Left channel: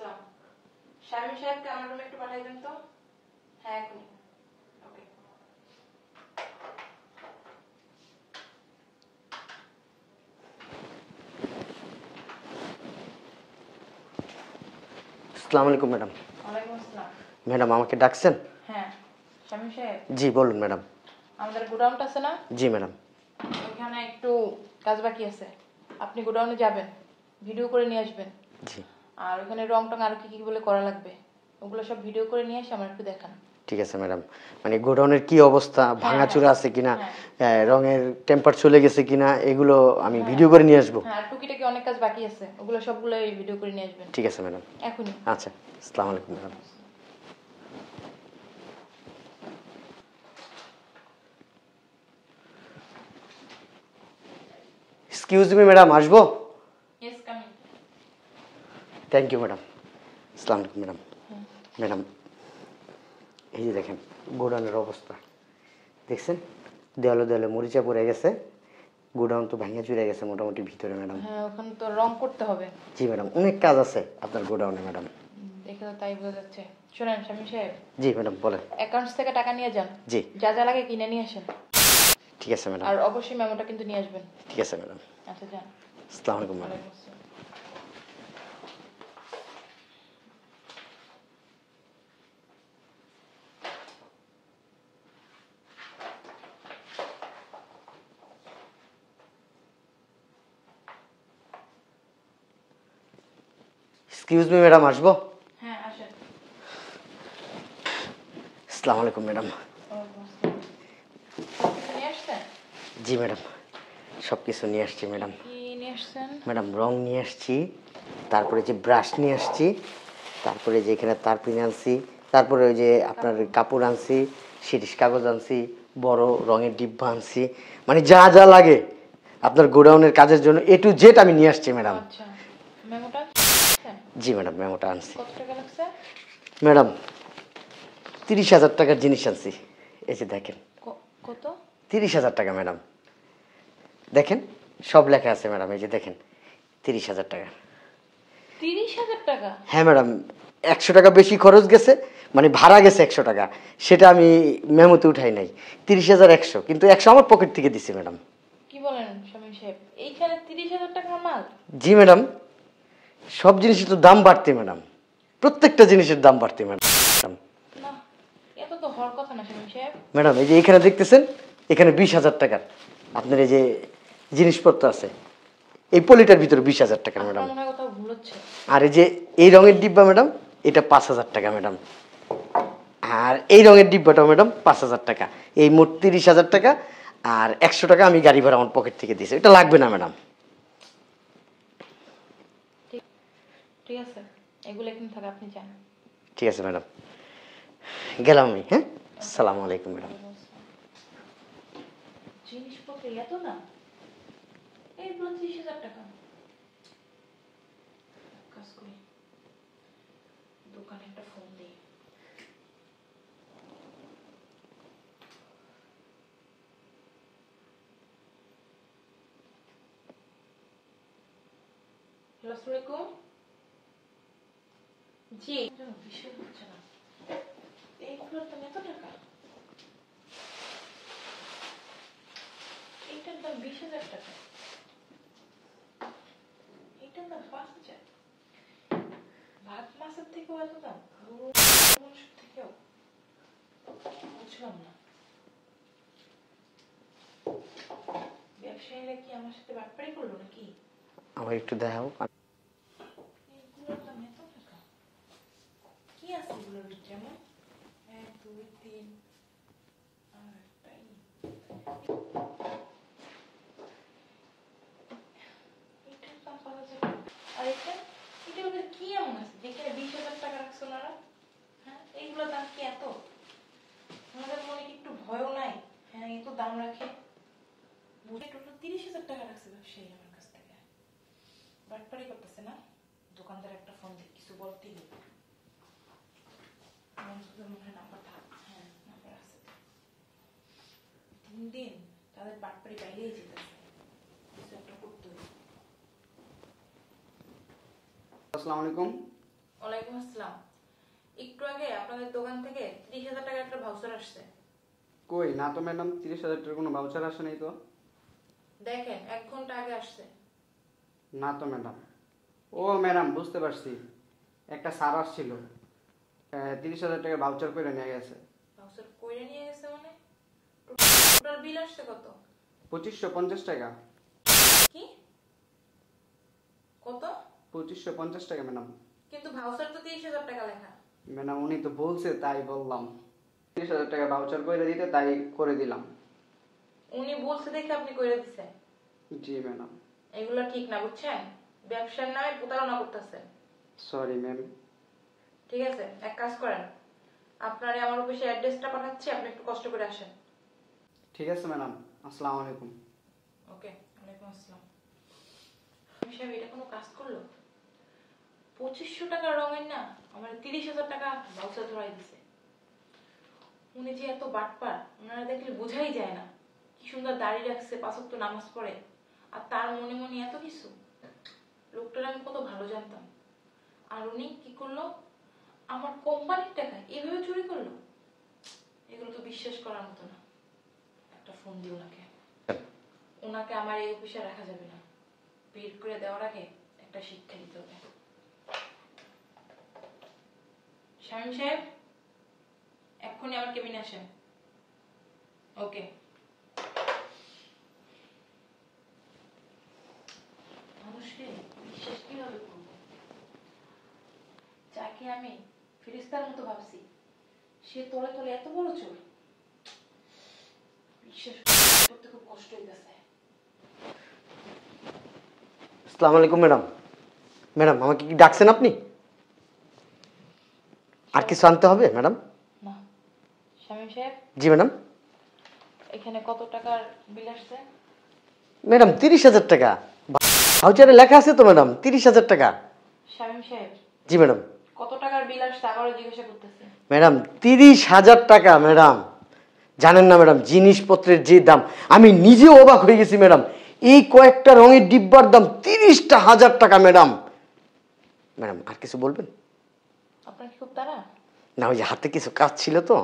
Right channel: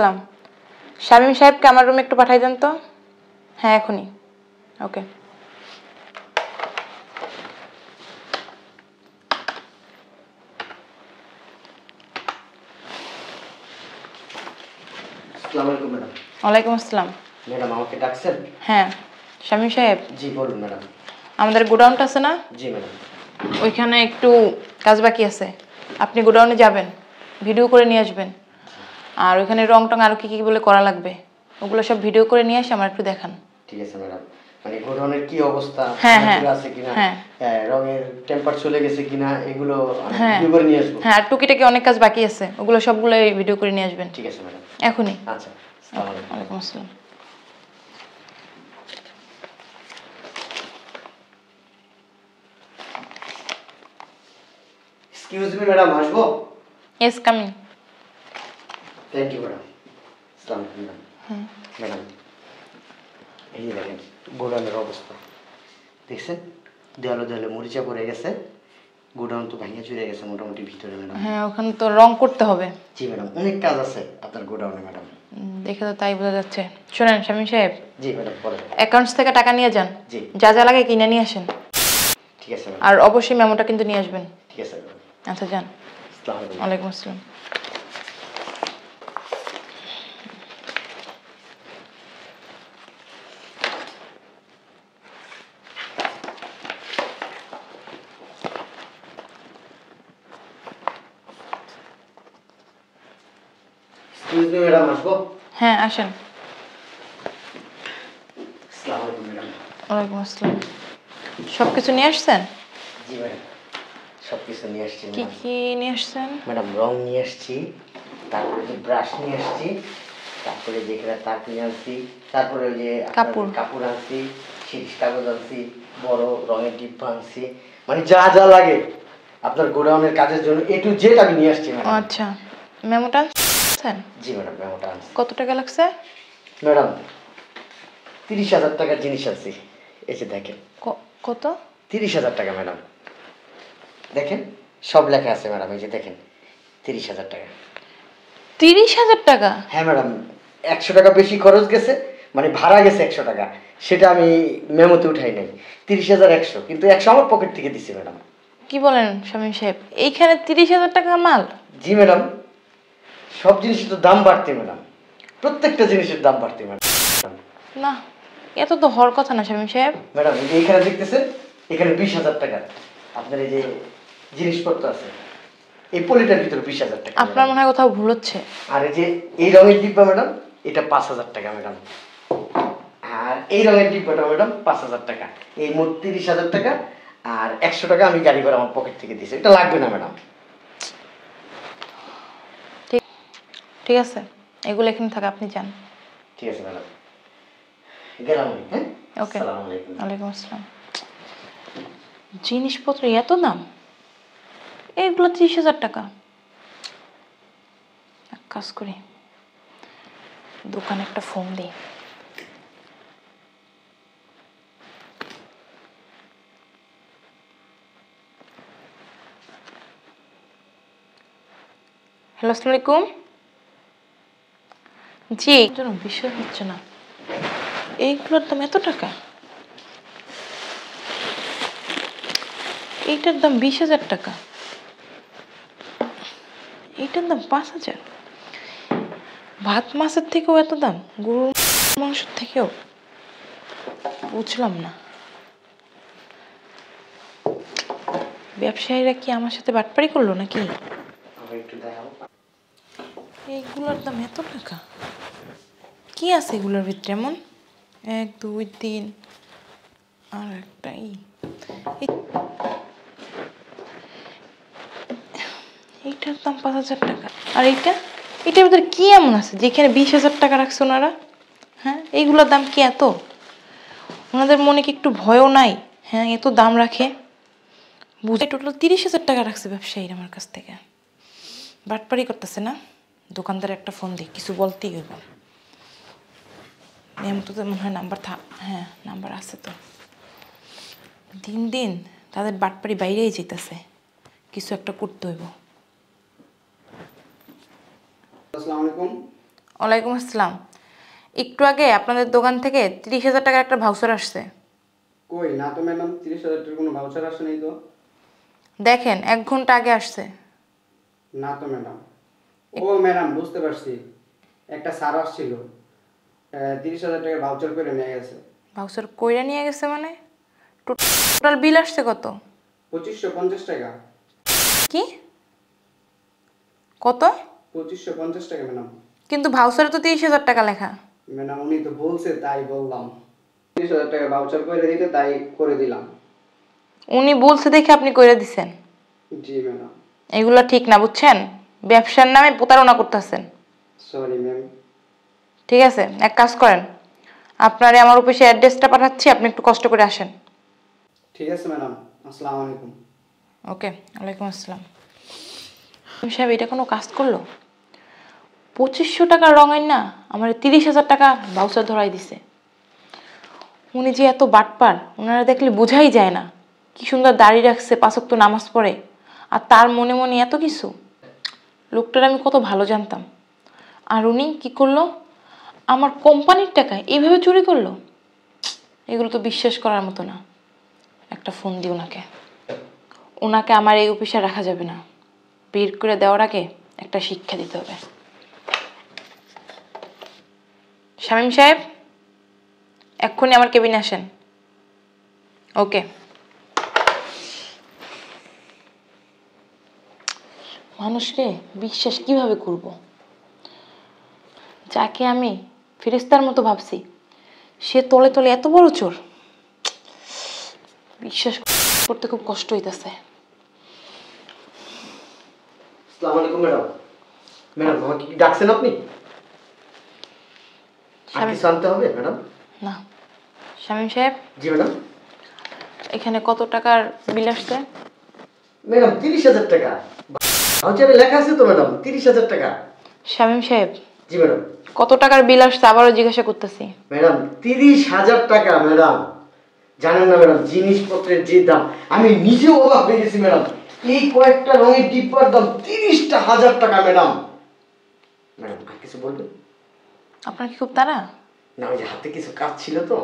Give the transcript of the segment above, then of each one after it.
আসসালাম। শামীম সাহেবকে আমার রুমে একটু পাঠাই দেন তো। হ্যাঁ এখনই। ওকে। আসসালামু আলাইকুম ম্যাডাম। ওয়ালাইকুম আসসালাম। ম্যাডাম আমাকে ডাকছেন? হ্যাঁ শামীম সাহেব, জি বলুন ম্যাডাম। আমাদের গোডাউনটা আছে না, জি ম্যাডাম। ওইখানে একটু কাজ বাকি আছে। আপনি গোডাউনে যাবেন, ভিডিও করে নিয়ে আসবেন। আর ওইখানে রং টং আরও কী কী বলে করা লাগবে ওগুলো সব ভিডিও করে নিয়ে আসে আমার একটু দেখান। ঠিক আছে ম্যাডাম। মানে গোডাউনের কি অবস্থা, হ্যাঁ, ভাঙাচোরা আছে কিনা, হ্যাঁ। রঙের টেম্পার চলে গেছে কিনা, এগুলো আমি হ্যাঁ ভিডিও করে নিয়ে আসবো। হ্যাঁ, আর টুকিটাকি অনেক কাজ বাকি আছে, ওগুলো সবগুলো ভিডিও করে নিয়ে আসবেন। ঠিক আছে ম্যাডাম। এখনই। আচ্ছা, আসসালামু আলাইকুম। ওয়ালাইকুম আসসালাম। এক্সকিউজ মি ম্যাডাম, আসবো? Yes coming. Thank you madam. আসসালামু আলাইকুম ম্যাডাম। ম্যাডাম এই যে দেখেন গোডাউনের অবস্থা দেখছেন, দেয়ালে দেয়ালে মরিচা পড়ে গেছে, গোডাউন তো ভাঙিয়া চুরে গেছে মোটামুটি ভিতরে ম্যাডাম। হ্যাঁ ওখানে তো রং করতে হবে। জি ম্যাডাম, অনেক কাজ আছে আপনার গোডাউনে ম্যাডাম। দেখে তো তাই বোঝা যাচ্ছে। শোনেন শামীম সাহেব, জি ম্যাডাম বলেন। অ্যাকাউন্টস থেকে টাকা নিয়ে যান, জি যা যা লাগে কিনে নিয়ে আসেন। ঠিক আছে ম্যাডাম। আর অবশ্যই মেমোটা কিন্তু নিয়ে আসবেন। ঠিক আছে ম্যাডাম। আচ্ছা যান। আসসালামু আলাইকুম। ওয়ালাইকুম আসসালাম। এক্সকিউজ মি ম্যাডাম, আসবো? হ্যাঁ আসেন। আসসালামু আলাইকুম ম্যাডাম। ওয়ালাইকুম আসসালাম। সব কিছু নিয়ে আসছেন? জি ম্যাডাম, সব কিছু নিয়ে আসছি কি ম্যাডাম। কি নিয়ে আসছেন? ম্যাডাম রং নিয়ে আসছি, তারপরে যে ব্রাশ নিয়ে আসছি, তারপরে যে এখানে তার কিনে আনছি, তারপরে ওই যে আপনার কাপড় আনছি, শিরিষ কাগজ আনছি, বড় রঙের ডিব্বা আনছি, মানে যা যা লাগে আপনার গোডাউনের কাজের জন্য এ টু জেড আমি নিয়ে আসছি ম্যাডাম। আচ্ছা, মেমোটা আনছেন? জি ম্যাডাম, মেমোটা আনছি। কত টাকা লাগছে? ম্যাডাম 30,000 টাকার জিনিস আনছি, এই যে দেখেন। কত? 30,000 টাকা ম্যাডাম, দেখেন সব লেখা আছে ম্যাডাম, এই যে দেখেন 30,000 টাকা। 30,000 টাকা? হ্যাঁ ম্যাডাম, 100 টাকা বেশি খরচ গেছে, মানে ভাড়া গেছে 100 টাকা, সেটা আমি মেমোতে উঠাই নাই। 30,100, কিন্তু 100 আমার পকেট থেকে দিছি ম্যাডাম। কি বলেন শামীম সাহেব, এইখানে 30,000 টাকার মাল? জি ম্যাডাম, সব জিনিসের তো দাম বাড়তে ম্যাডাম, প্রত্যেকটা জিনিসের দাম বাড়তে ম্যাডাম। না, এত তো হওয়ার কথা না শামীম সাহেব। ম্যাডাম এই যে এখানে দেখতেছেন, এখানে 20,000 টাকা আপনার এই যে জিনিসপত্র আছে, এই পলিটার ভিতরে 20,000 টাকা। আপনার মনে হয় কোথাও ভুল হচ্ছে। আর এই যে এই রঙের ডিব্বা ম্যাডাম, এটা 5,000 টাকা ম্যাডাম। আর এই রঙের ডিব্বাটা ম্যাডাম 5,000 টাকা, এই মোট 30,000 টাকা। আর 100 টাকা আমি গাড়ি ভাড়া আমার পকেট থেকে দিয়েছি, এটা লাগবে না ম্যাডাম। ঠিক আছে, এগুলো এখানে থাকে, আপনি যান। ঠিক আছে ম্যাডাম, গেলাম আমি। হ্যাঁ, ওকে। আসসালামু আলাইকুম। ওয়ালাইকুম আসসালাম। জিনিসপত্র এত দাম, এইগুলো 30,000 টাকা। এক কাজ করি, দোকানে একটা ফোন দিই। হ্যালো, আসসালামু আলাইকুম। জি, যেন বিশ্বাস হচ্ছে না, এইগুলোর দাম এত টাকা। এইটার দাম 20,000 টাকা, এইটার দাম 5,000। ভাত মাছের থেকেও এত দাম, গরুর মাংসের থেকেও? বুঝলাম না, ব্যবসায়ীরা কি আমার সাথে বাটপারি করলো নাকি? আমার একটু দেখাও। এইগুলোর দাম এত টাকা, কি আছে এগুলোর ভিতরে এমন? 1 2 3, আর একটা এইটার দাম 5,000 টাকা। আর এটার ভিতরে কি এমন আছে যেখানে 20,000 টাকা রাখছে ওনারা? হ্যাঁ, এইগুলোর দাম কি এত? ওনাদের মনে কি একটু ভয়ও নাই? হ্যাঁ, এত দাম রাখে। বুঝে টোটাল 30,000 টাকা রাখছে ব্যবসায়ীরা আমার কাছ থেকে। বাটপারি করতেছে না? দোকানদার একটা ফোন দিই, কিছু বলতেই হইব। তো মনে হয় নাম্বার হ্যাঁ নাম্বার আছে তো। দিন দিন তাদের বাটপারি বাইরেই যেতেছে, কিছু একটা করতে হইব। আসসালামু আলাইকুম। ওয়ালাইকুম আসসালাম। একটু আগে আপনাদের দোকান থেকে 30,000 টাকার একটা ভাউচার আসছে। কই না তো ম্যাডাম, 30,000 টাকার কোনো ভাউচার আসে নাই তো। দেখেন 1 ঘন্টা আগে আসছে। না তো ম্যাডাম। ও ম্যাডাম বুঝতে পারছি, একটা স্যার আসছিল, 30,000 টাকার ভাউচার করে নিয়ে গেছে। ভাউচার কইরা নিয়ে গেছে মানে? টোটাল বিল আসছে কত? 2550 টাকা। কি? কত? 2550 টাকা ম্যাডাম। কিন্তু ভাউচারে তো 30,000 টাকা লেখা। ম্যাডাম উনি তো বলছে তাই বললাম, 30,000 টাকা ভাউচার করে দিতে তাই করে দিলাম। উনি বলছে দেখে আপনি কইরা দিছেন? জি ম্যাডাম। এগুলো ঠিক না, বুঝছেন? ব্যবসার নামে প্রতারণা করতেছেন। Sorry ma'am. ঠিক আছে, এক কাজ করেন, আপনারে আমার অফিসে অ্যাড্রেসটা পাঠাচ্ছি, আপনি একটু কষ্ট করে আসেন। ঠিক আছে ম্যাডাম, আসসালামু আলাইকুম। ওকে, ওয়ালাইকুম আসসালাম। সাহেব এটা কোনো কাজ করলো? 2500 টাকার রঙের না আমার 30,000 টাকা ভাউচার ধরাই দিছে। উনি যে এত বাটপার, ওনারা দেখলে বোঝাই যায় না। কি সুন্দর দাড়ি রাখছে, 5 ওয়াক্ত নামাজ পড়ে, আর তার মনে মনে এত কিছু। লোকটার আমি কত ভালো জানতাম, আর উনি কি করলো? আমার কোম্পানির টাকা এইভাবে চুরি করলো। এগুলো তো বিশ্বাস করার মতো না। একটা ফোন দিই ওনাকে। ওনাকে আমার এই অফিসে রাখা যাবে না, বের করে দেওয়ার আগে একটা শিক্ষা দিতে হবে। শামীম সাহেব, এক্ষুনি আমার কেবিনে আসেন। ওকে। মানুষকে বিশ্বাস কিভাবে করব? যাকে আমি ফেরেশতার মতো ভাবছি, সে তলে তলে এত বড় চোর। বিশ্বাস করতে খুব কষ্ট হইতাছে। আসসালামু আলাইকুম ম্যাডাম। ম্যাডাম আমাকে কি ডাকছেন আপনি? আর কিছু আনতে হবে ম্যাডাম? না। শামীম সাহেব, জি ম্যাডাম। এখানে কত টাকার বিল আসছে? ম্যাডাম 30,000 টাকা ভাউচারে লেখা আছে তো ম্যাডাম, 30,000 টাকা। শামীম সাহেব, জি ম্যাডাম। কত টাকার বিল আসছে আবারও জিজ্ঞাসা করতেছি। ম্যাডাম 30,000 টাকা ম্যাডাম। জানেন না ম্যাডাম জিনিসপত্রের যে দাম, আমি নিজেও অবাক হয়ে গেছি ম্যাডাম। এই কয়েকটা রঙের ডিব্বার দাম 30,000 টাকা ম্যাডাম। ম্যাডাম আর কিছু বলবেন? আপনার কি খুব তাড়া? না, ওই যে হাতে কিছু কাজ ছিল তো।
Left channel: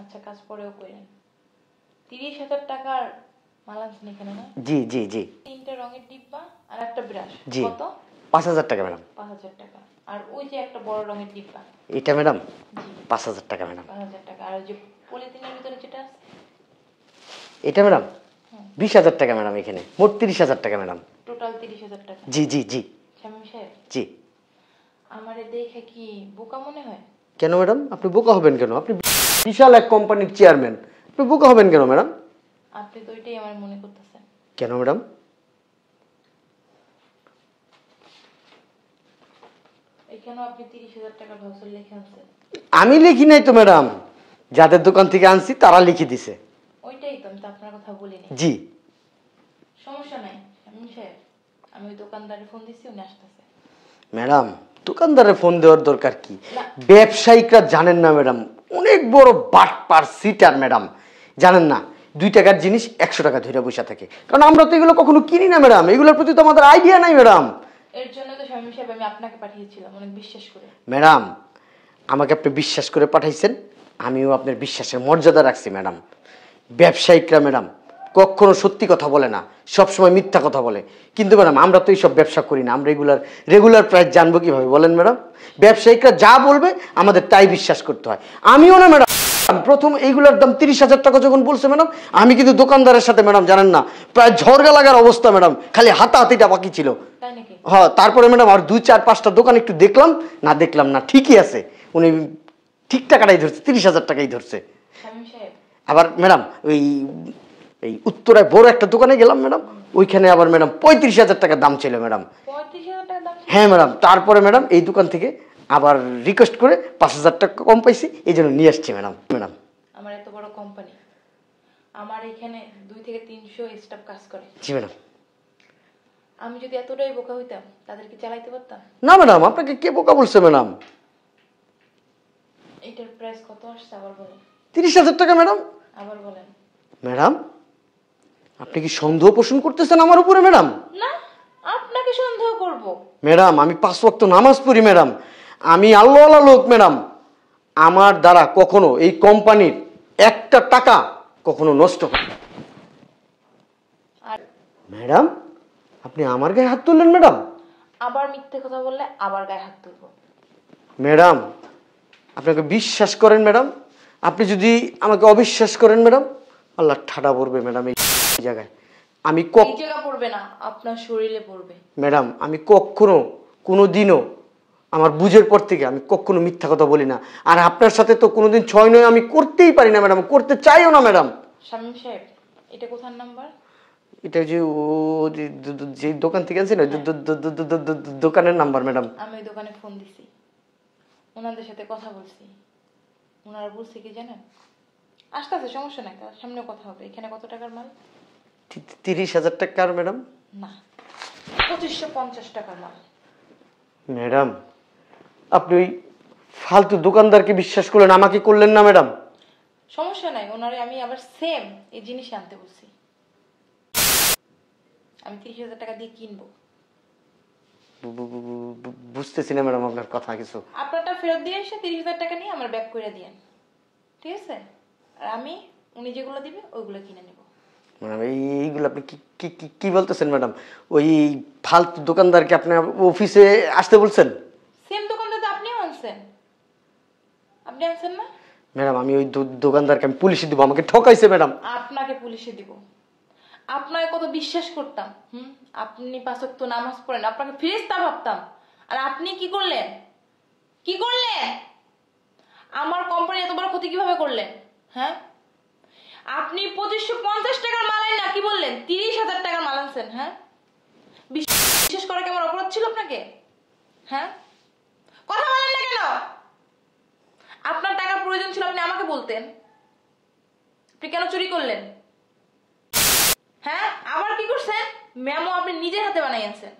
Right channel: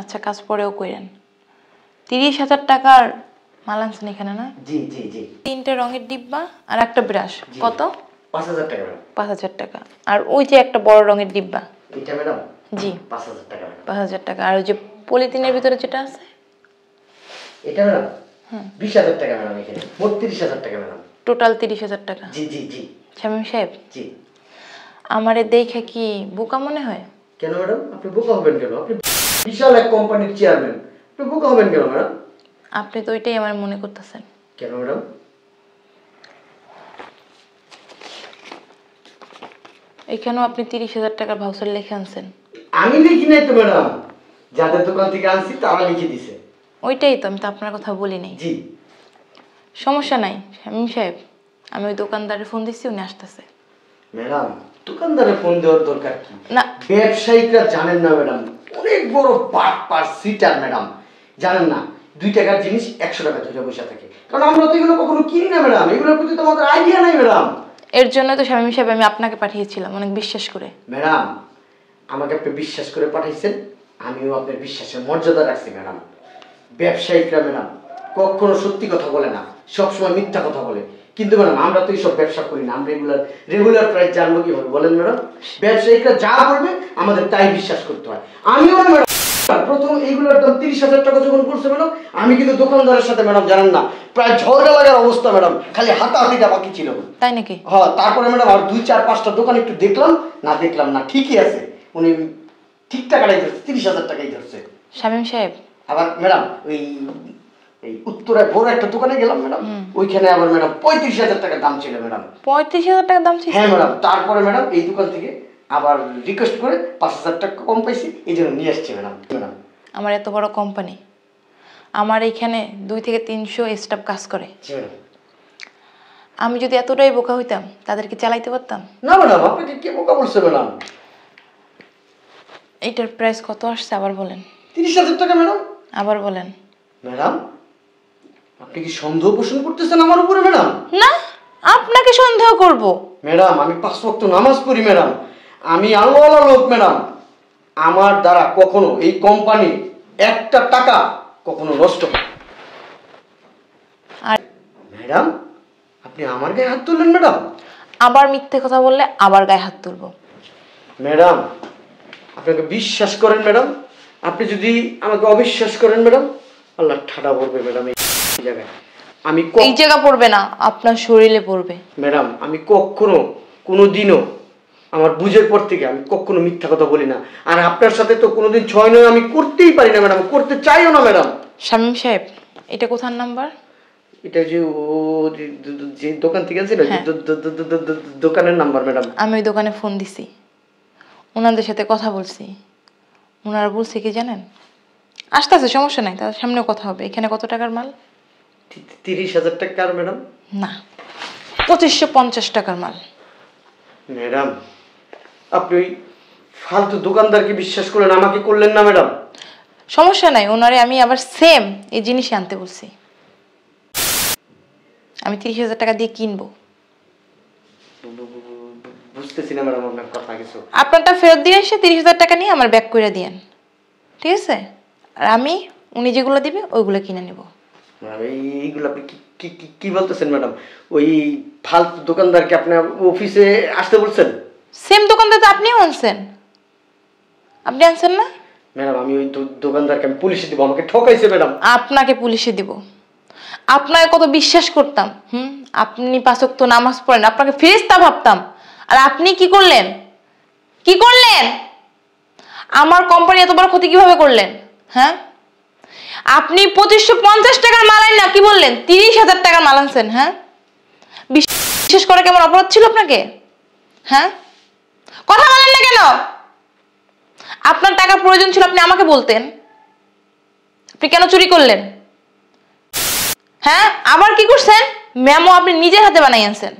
আচ্ছা, কাজ পরেও কইরেন। 30,000 টাকার মাল আনছেন এখানে না? জি জি জি। 3টে রঙের ডিব্বা আর একটা ব্রাশ। জি। কত? 5,000 টাকা ম্যাডাম। 5,000 টাকা। আর ওই যে একটা বড় রঙের ডিব্বা। এটা ম্যাডাম? জি। 5,000 টাকা ম্যাডাম। 5,000 টাকা। আর ওই যে পলিথিনের ভিতরে যেটা আছে? এটা ম্যাডাম 20,000 টাকা ম্যাডাম। এখানে মোট 30,000 টাকা ম্যাডাম। টোটাল 30,000 টাকা। জি জি জি। শামীম সাহেব, জি। আমারে দেখে কি বোকা মনে হয়? কেন ম্যাডাম? আপনি বোকা হবেন কেন? আপনি বিশাল এক কোম্পানির চেয়ারম্যান, আপনি বোকা হবেন কেন ম্যাডাম? আপনি তো ওইটাই আমার মনে করতেছেন। কেন ম্যাডাম? এখানেও আপনি 30,000 টাকার ভাউচার লিখে আনছেন। আমি লিখি নাই তো ম্যাডাম, যাদের দোকান থেকে আনছি তারা লিখে দিছে। ওইটাই তো, আমি তো আপনার কথা বলিনি। জি। সমস্যা নাই শামীম সাহেব, আমি ওই দোকানদারের ফোন দিচ্ছি, উনি আসতেছে। ম্যাডাম দোকানদারের ফোন দেওয়ার দরকার কি? না। ব্যবসায়িকরা জানেন না ম্যাডাম, অনেক বড় বাটপার সিটার ম্যাডাম। জানেন না 2 টাকার জিনিস 100 টাকা ধরে বসে থাকে, কারণ আমরা তো এগুলো কখনো কিনি না ম্যাডাম। এগুলোর প্রতি তো আমাদের আইডিয়া নাই ম্যাডাম। এর জন্য তো শামীম সাহেব আমি আপনাকে পাঠিয়েছিলাম, অনেক বিশ্বাস করে। ম্যাডাম আমাকে আপনি বিশ্বাস করে পাঠাইছেন, আমিও আপনার বিশ্বাসের মর্যাদা রাখছি ম্যাডাম। ব্যবসায়িকরা ম্যাডাম কখনো সত্যি কথা বলে না, সবসময় মিথ্যা কথা বলে। কিন্তু ম্যাডাম আমরা তো এইসব ব্যবসা করি না, আমরা রেগুলার প্রাইস জানবো কিভাবে বলেন ম্যাডাম? ব্যবসায়িকরা যা বলবে আমাদের তাই বিশ্বাস করতে হয়। আমিও না ম্যাডাম, প্রথম এইগুলোর দাম 30,000 টাকা যখন বলছে ম্যাডাম, আমি কিন্তু দোকানদারের সাথে ম্যাডাম জানেন না প্রায় ঝড়গা লাগার অবস্থা ম্যাডাম, খালি হাতাহাতিটা বাকি ছিল। তাই নাকি? হ্যাঁ, তারপরে ম্যাডাম আর 2-4-5টা দোকান একটু দেখলাম না ঠিকই আছে, উনি ঠিক টাকাটাই ধরছে, 30,000 টাকাই ধরছে। শামীম সাহেব, আবার ম্যাডাম এই উত্তরায় বড় একটা দোকানে গেলাম ম্যাডাম, ওইখানে আবার ম্যাডাম 35,000 টাকা দাম ছিল ম্যাডাম। 35,000 টাকা দাম ছিল? হ্যাঁ ম্যাডাম। তারপরে ম্যাডাম এই দোকান থেকে আবার রিকোয়েস্ট করে 5,000 টাকা কম পাইছি, এই জন্য নিয়ে আসছি ম্যাডাম। ম্যাডাম আমার এত বড় কোম্পানি, আমার এইখানে 2 থেকে 300 স্টাফ কাজ করে। জি ম্যাডাম। আমি যদি এতটাই বোকা হইতাম তাদেরকে চালাইতে পারতাম? না ম্যাডাম, আপনাকে কে বোকা বলছে ম্যাডাম? এইটার প্রাইস কত আসছে আবার বলেন। 30,000 টাকা ম্যাডাম। আবার বলেন। ম্যাডাম আপনি কি সন্দেহ পোষণ করতেছেন আমার উপরে ম্যাডাম? না, আপনাকে সন্দেহ করব? ম্যাডাম আমি 5 ওয়াক্ত নামাজ পড়ি ম্যাডাম, আমি আল্লাহওয়ালা লোক ম্যাডাম, আমার দ্বারা কখনো এই কোম্পানি একটা টাকা কখনো নষ্ট হয় না। আর ম্যাডাম আপনি আমার গায়ে হাত তুললেন ম্যাডাম? আবার মিথ্যে কথা বললে আবার গায়ে হাত তুলবো। ম্যাডাম আপনাকে বিশ্বাস করেন ম্যাডাম, আপনি যদি আমাকে অবিশ্বাস করেন ম্যাডাম, আল্লাহ ঠাডা পড়বে ম্যাডাম এই জায়গায়। আমি এই জায়গা পড়বে না, আপনার শরীরে পড়বে। ম্যাডাম আমি কখনো কোনো দিনও আমার বুঝের পর থেকে আমি কখনো মিথ্যা কথা বলি না। আর আপনার সাথে তো কোনোদিন 6 নয় আমি করতেই পারি না ম্যাডাম, করতে চাইও না ম্যাডাম। শামীম সাহেব, এটা কোথার নাম্বার? এটা যে ও যে দোকান থেকে ছিল দোকানের নাম্বার ম্যাডাম। আমি ওই দোকানে ফোন দিছি, ওনাদের সাথে কথা বলছি। ওনারা বলছে কি জানেন, আসতেছে সমস্যা নাই, তাদের সামনেও কথা হবে। এখানে কত টাকার মাল? 30,000 টাকার ম্যাডাম। না, 2550 টাকার মাল। ম্যাডাম আপনি ওই ফালতু দোকানদারকে বিশ্বাস করলেন, আমাকে করলেন না ম্যাডাম। সমস্যা নাই, ওনারে আমি আবার সেম এই জিনিসই আনতে বলছি। আমি 30,000 টাকা দিয়ে কিনবো। বুঝতেছি না ম্যাডাম আপনার কথা কিছু। আপনারটা ফেরত দিয়ে এসে 30,000 টাকা নিয়ে আমার ব্যাক করে দিয়েন, ঠিক আছে? আর আমি উনি যেগুলো দিবে ওইগুলো কিনে নেব। এইগুলো আপনি কি বলতেছেন ম্যাডাম? ওই ফালতু দোকানদারকে আপনার অফিসে আসতে বলছেন? সেম দোকানদার তো আপনিও আনছেন, আপনি আনছেন না? ম্যাডাম আমি ওই দোকানদারকে আমি পুলিশে দিব, আমাকে ঠকাইছে ম্যাডাম। আপনাকে পুলিশে দিব? আপনাকে কত বিশ্বাস করতাম, আপনি 5 ওয়াক্ত নামাজ পড়েন, আপনাকে ফেরেশতা ভাবতাম। আর আপনি কি করলেন? কি করলেন? আমার কোম্পানি এত বড় ক্ষতি কিভাবে করলেন? হ্যাঁ, আপনি 2550 টাকার মাল আনেন না, কি বললেন 30,000 টাকার মাল আনছেন। হ্যাঁ, বিশ্বাস করা কেমন অপরাধ ছিল আপনাকে? হ্যাঁ, কথা বলেন না কেন? আপনার টাকা প্রয়োজন ছিল, আপনি আমাকে বলতেন। আপনি কেন চুরি করলেন? হ্যাঁ, আবার কি করছেন? মেমো আপনি নিজের হাতে বানাই আনছেন।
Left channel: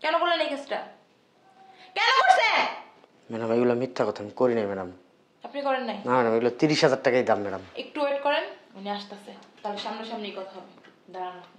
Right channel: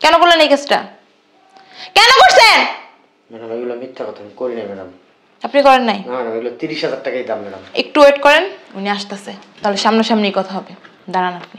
কেন করলেন এই কাজটা? কেন করছেন? ম্যাডাম এগুলো মিথ্যা কথা, আমি করি না ম্যাডাম। আপনি করেন নাই? না ম্যাডাম এগুলো 30,000 টাকাই দাম ম্যাডাম। একটু ওয়েট করেন, উনি আসতেছে, তাহলে সামনাসামনি কথা হবে। দাঁড়ান আপনি।